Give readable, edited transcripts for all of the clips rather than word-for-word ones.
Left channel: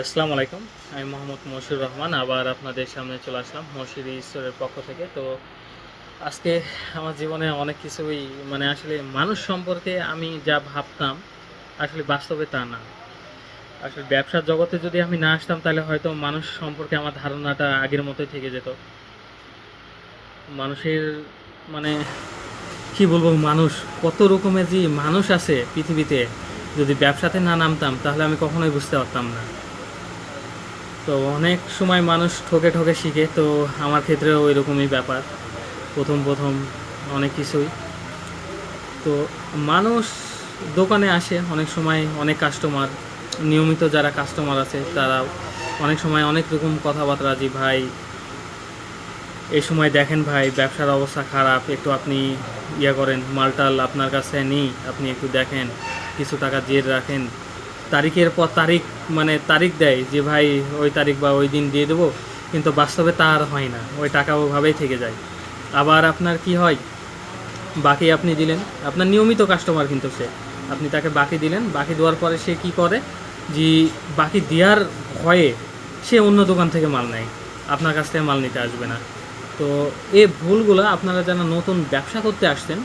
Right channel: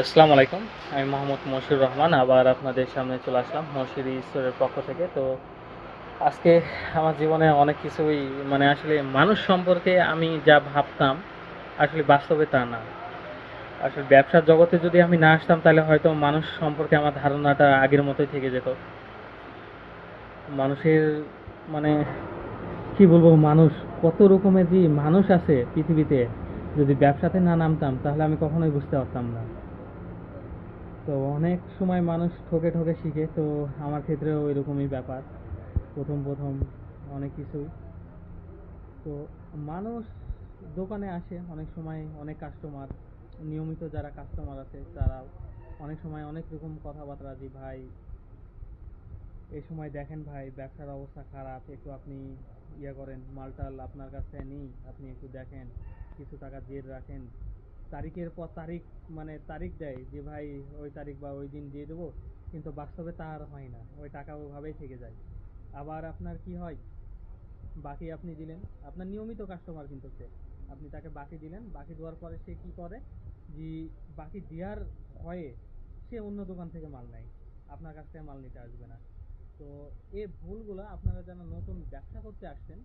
আসসালামু আলাইকুম। আমি মোহাম্মদ মশিউর রহমান আবার আপনাদের সামনে চলে আসলাম মশিউর স্টোরের পক্ষ থেকে। তো আজকে আমার জীবনে অনেক কিছুই আসলে মানুষ সম্পর্কে আমি যা ভাবতাম আসলে বাস্তবে তা না। আসলে ব্যবসার জগতে যদি আমি না আসতাম তাহলে হয়তো মানুষ সম্পর্কে আমার ধারণাটা আগের মতোই থেকে যেত। মানুষের মানে কি বলবো, মানুষ কত রকমের যে মানুষ আছে পৃথিবীতে, যদি ব্যবসাতে না নামতাম তাহলে আমি কখনোই বুঝতে পারতাম না। তো অনেক সময় মানুষ ঠকে ঠকে শিখে, তো আমার ক্ষেত্রেও ওই রকমই ব্যাপার। প্রথম প্রথম অনেক কিছুই তো মানুষ দোকানে আসে অনেক সময়, অনেক কাস্টমার, নিয়মিত যারা কাস্টমার আছে তারাও অনেক সময় অনেক রকম কথাবার্তা, যে ভাই এই সময় দেখেন ভাই ব্যবসার অবস্থা খারাপ, একটু আপনি করেন, মালটাল আপনার কাছে নিই, আপনি একটু দেখেন, কিছু টাকা জের রাখেন। তারিখের পর তারিখ, তারিখ দেয় যে ভাই ওই তারিখ বা ওই দিন দিয়ে দেবো, কিন্তু বাস্তবে তা আর হয় না, ওই টাকা ওভাবেই থেকে যায়। আবার আপনার কি হয়, বাকি আপনি দিলেন, আপনার নিয়মিত কাস্টমার কিন্তু সে, আপনি তাকে বাকি দিলেন, বাকি দেওয়ার পরে সে কি করে, যে বাকি দেওয়ার ভয়ে সে অন্য দোকান থেকে মাল নেয়, আপনার কাছ থেকে মাল নিতে আসবে না। তো এই ভুলগুলো আপনারা যারা নতুন ব্যবসা করতে আসছেন,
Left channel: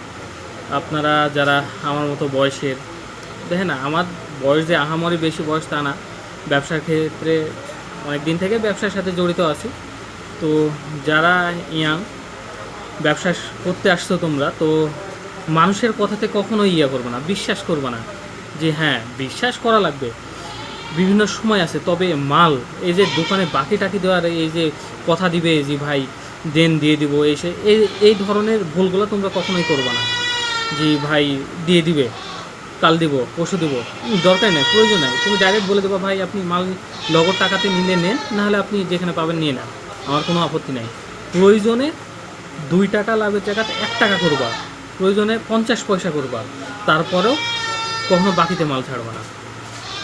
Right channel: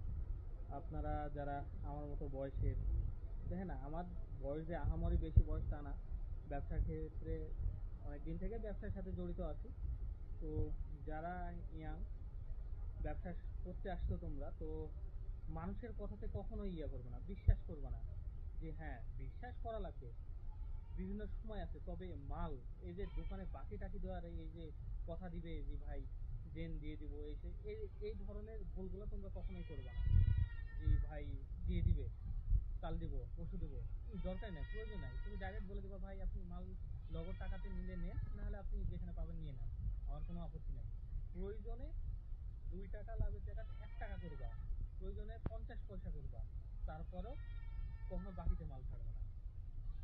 আপনারা যারা আমার মতো বয়সের, দেখেন না, আমার বয়স যে আহামরি বেশি বয়স তা না, ব্যবসার ক্ষেত্রে অনেক দিন থেকে ব্যবসার সাথে জড়িত আছি। তো যারা ইয়াং ব্যবসা করতে আসছো তোমরা, তো মানুষের কথাতে কখনো করবে না, বিশ্বাস করবে না, যে হ্যাঁ বিশ্বাস করা লাগবে বিভিন্ন সময় আছে, তবে মাল, এই যে দোকানে বাকি টাকি দেওয়ার, এই যে কথা দিবে যে ভাই দেন দিয়ে দিব, এসে এই ধরনের ভুলগুলো তোমরা কখনোই করবে না, যে ভাই দিয়ে দিবে, কাল দিব, পরশু দিব, দরকার নেই, প্রয়োজন নেই, তুমি ডাইরেক্ট বলে দেবো ভাই আপনি মাল নগদ টাকাতে নিলে নেন, নাহলে আপনি যেখানে পাবেন নিয়ে নেন, আমার কোনো আপত্তি নেই। প্রয়োজনে 2 টাকা লাভের জায়গাতে 1 টাকা করবা, প্রয়োজনে 50 পয়সা করবা, তারপরেও কখনো বাকিতে মাল ছাড়বা না।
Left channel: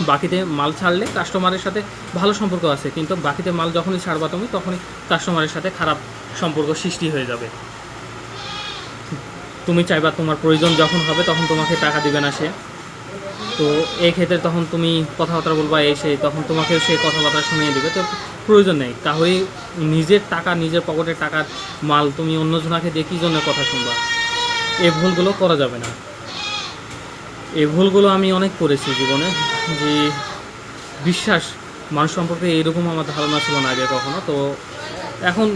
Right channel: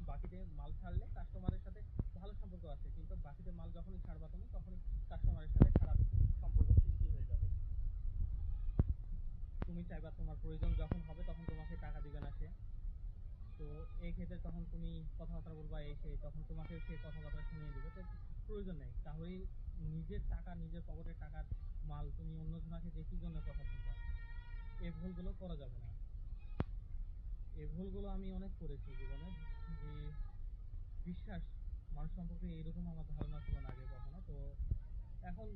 বাকিতে মাল ছাড়লে কাস্টমারের সাথে ভালো সম্পর্ক আছে, কিন্তু বাকিতে মাল যখনই ছাড়বা তুমি, তখনই কাস্টমারের সাথে খারাপ সম্পর্ক সৃষ্টি হয়ে যাবে। তুমি চাইবা তোমার প্রয়োজন যখন হবে তখন তোমাকে টাকা দিবে না সে, তো এই ক্ষেত্রে তখন তুমি কথাবার্তা বলবা এই সেই, তখন তোমাকেও সে কথাবার্তা শুনিয়ে দেবে। তো প্রয়োজন নেই কাহরি, নিজের টাকা, নিজের পকেটের টাকার মাল তুমি অন্যজনাকে দিয়ে কী জন্য কথা শুনবা, এই ভুলগুলো করা যাবে না। এই ভুলগুলো আমি অনেক করেছি জীবনে, যে বিশ্বাস, মানুষ সম্পর্কে এইরকম আমার ধারণা ছিল না আগে কখনো। তো এখন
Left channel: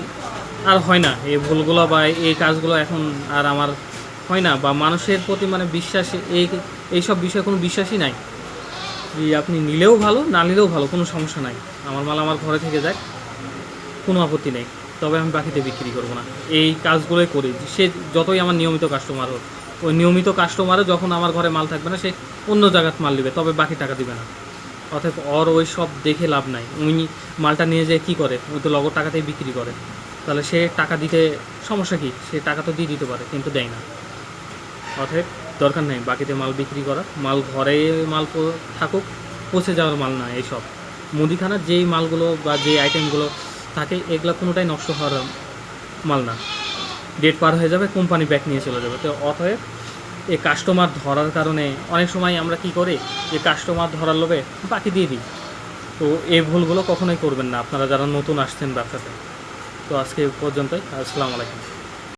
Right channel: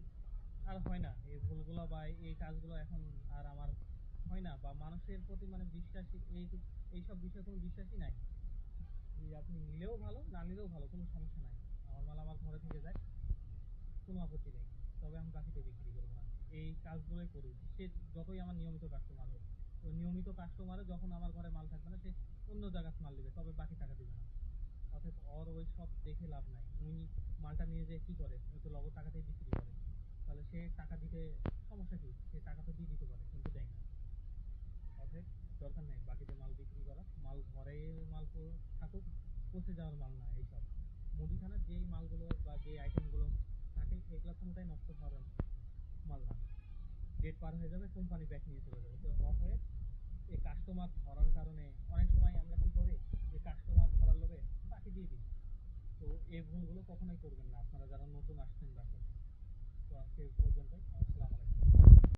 আর হয় না এই ভুলগুলো বা এই কাজগুলো, এখন আর আমার হয় না, বা মানুষের প্রতি বিশ্বাস, এইসব বিষয়ে কোনো বিশ্বাসই নাই, যে আপনি নিলেও ভালো, না নিলেও ভালো, কোনো সমস্যা নাই, আমার মাল আমার ঘরে থেকে যায়, কোনো আপত্তি নেই, তবে আমি বাকিতে বিক্রি করবো না। এই কাজগুলোই করি, সে যতই আমার নিয়মিত কাস্টমার হোক, ওই নিয়মিত কাস্টমারও যখন আমার ঘরে মাল থাকবে না, সে অন্য জায়গায় মাল নেবে, তবে বাকি টাকা দিবে না। অতএব ওর ওই সব দেখে লাভ নাই, উনি মালটা নিয়ে যেয়ে কী করে, ওই তো নগদ টাকাতেই বিক্রি করে, তাহলে সে টাকা দিতে সমস্যা কী, সে টাকা তো দিয়ে দিতে পারে, কিন্তু দেয় না। অতএব দরকার নেই বাকিতে মাল বিক্রি করা, মাল ঘরে মাল থাকুক, পচে যাওয়ার মাল না এইসব। মুদিখানার যেই মালগুলো বা যে আইটেমগুলো থাকে, এগুলো কোনোটাই নষ্ট হওয়ার মাল না, ডেট পার হয়ে যাবে, কোম্পানি ব্যাক নিয়ে চলে যাবে। তো অতএব এই কাস্টমার ধরার কারণে অনেক সময় আমরা কি করি, যে কাস্টমার ধরার লোভে বাকি দিয়ে দিই। তো এই ভুলগুলো কখনোই করবেন না আপনারা যারা নতুন আসছেন ব্যবসাতে। তো আজকে পর্যন্তই, আসসালামু আলাইকুম।